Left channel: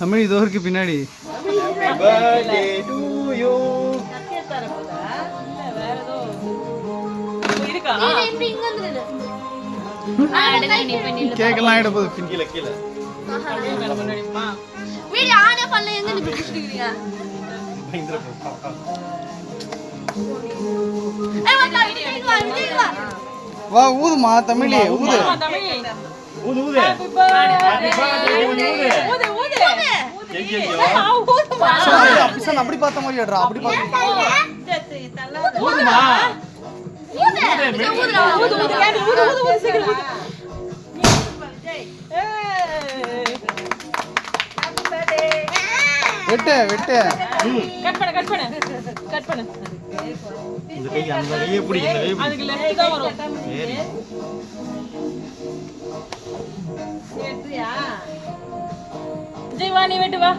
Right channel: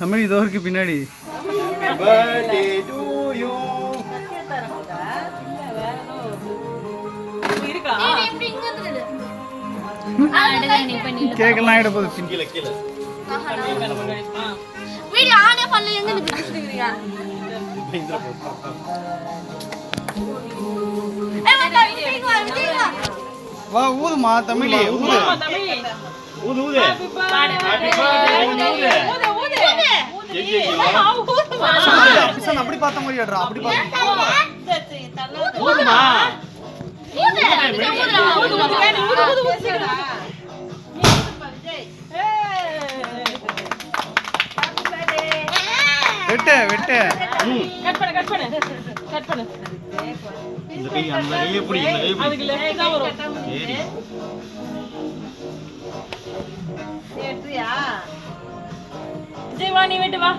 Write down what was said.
தமிழ் இதோ இருக்கு பின்னாடி. கேக்கலாம் ஆயிட போகுது. வா ஊதுமா தமிழ் ஊது. ஊது ஊது. அப்படி பார்த்த மாதிரி அப்படி ஊதுமா. வெட்டு வெட்டு. விஜய் வா, நீ வெட்டு வா.